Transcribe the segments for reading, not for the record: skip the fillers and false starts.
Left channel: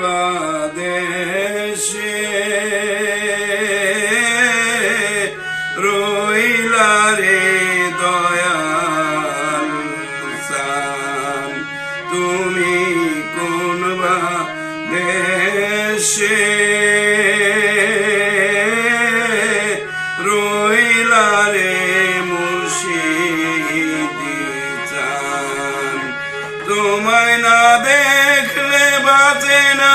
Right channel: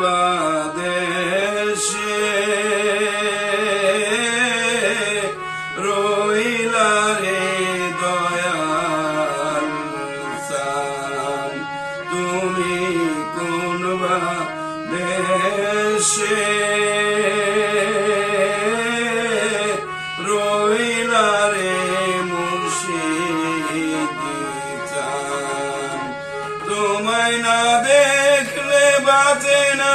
বা দেশে রইলা রে দয়াল চান, তুমি কোন বা দেশে রইলা রে মুর্শিদি চান। তোমায় না দেখলে বাঁচে না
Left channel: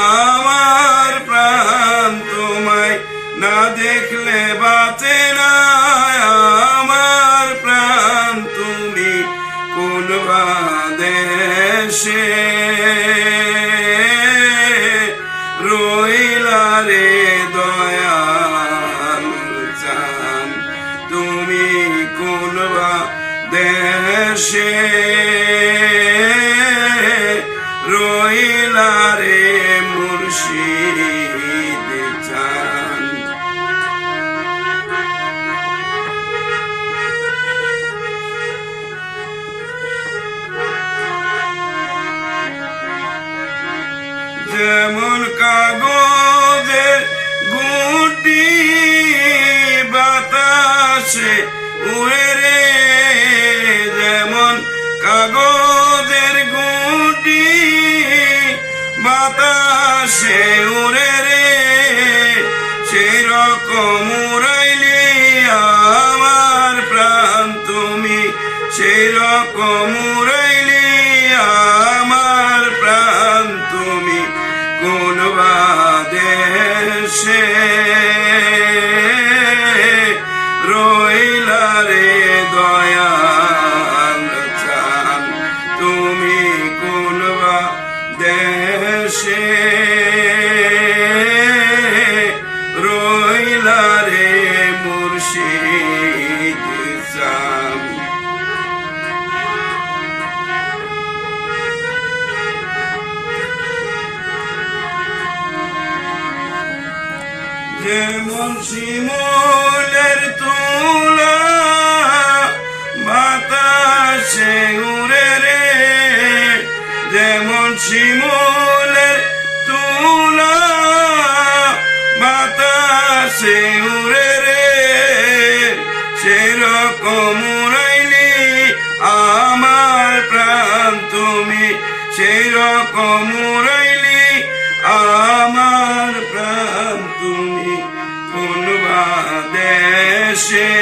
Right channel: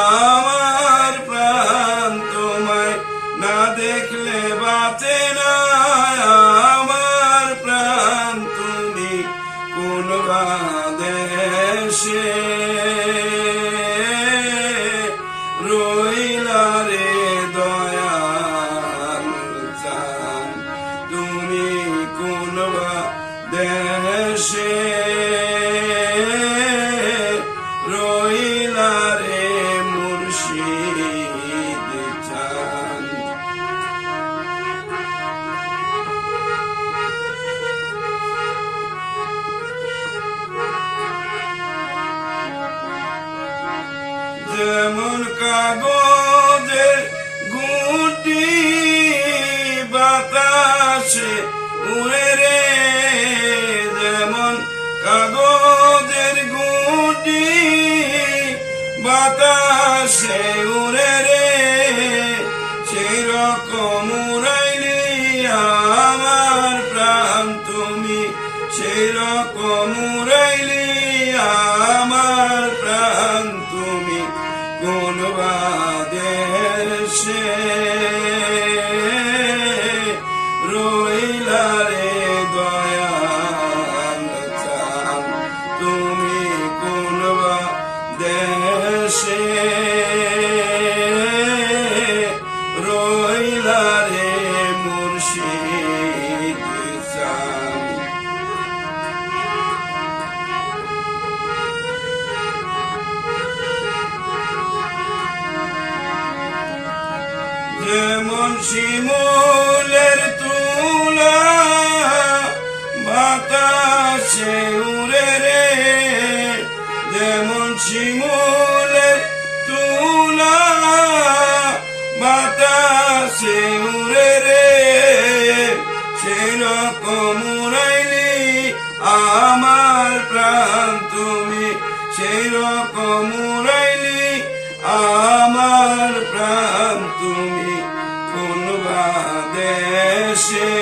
আমার প্রাণ, তোমায় না দেখলে বাঁচে না আমার প্রাণ, তুমি কোন বা দেশে রইলা রে দয়াল চান, তুমি কোন বা দেশে রইলা রে মুর্শিদ চান। যেমন কাগজের গুটি বাতাসে উড়ে রে, যেমন কাগজের গুটি বাতাসে উড়ে রে, সেই রকম উড়াইলি আমার প্রাণ, তুমি সেই রকম উড়াইলি আমার প্রাণ, তুমি কোন বা দেশে রইলা রে দয়াল চান, তুমি কোন বা দেশে রইলা রে মুর্শিদ চান। যেমন শিমুলের তুলা বাতাসে উড়ে রে, যেমন শিমুলের তুলা বাতাসে উড়ে রে, সেরকম উড়াইলি আমার প্রাণ, তুমি সেই রকম উড়াইলি আমার প্রাণ, তুমি কোন বা দেশে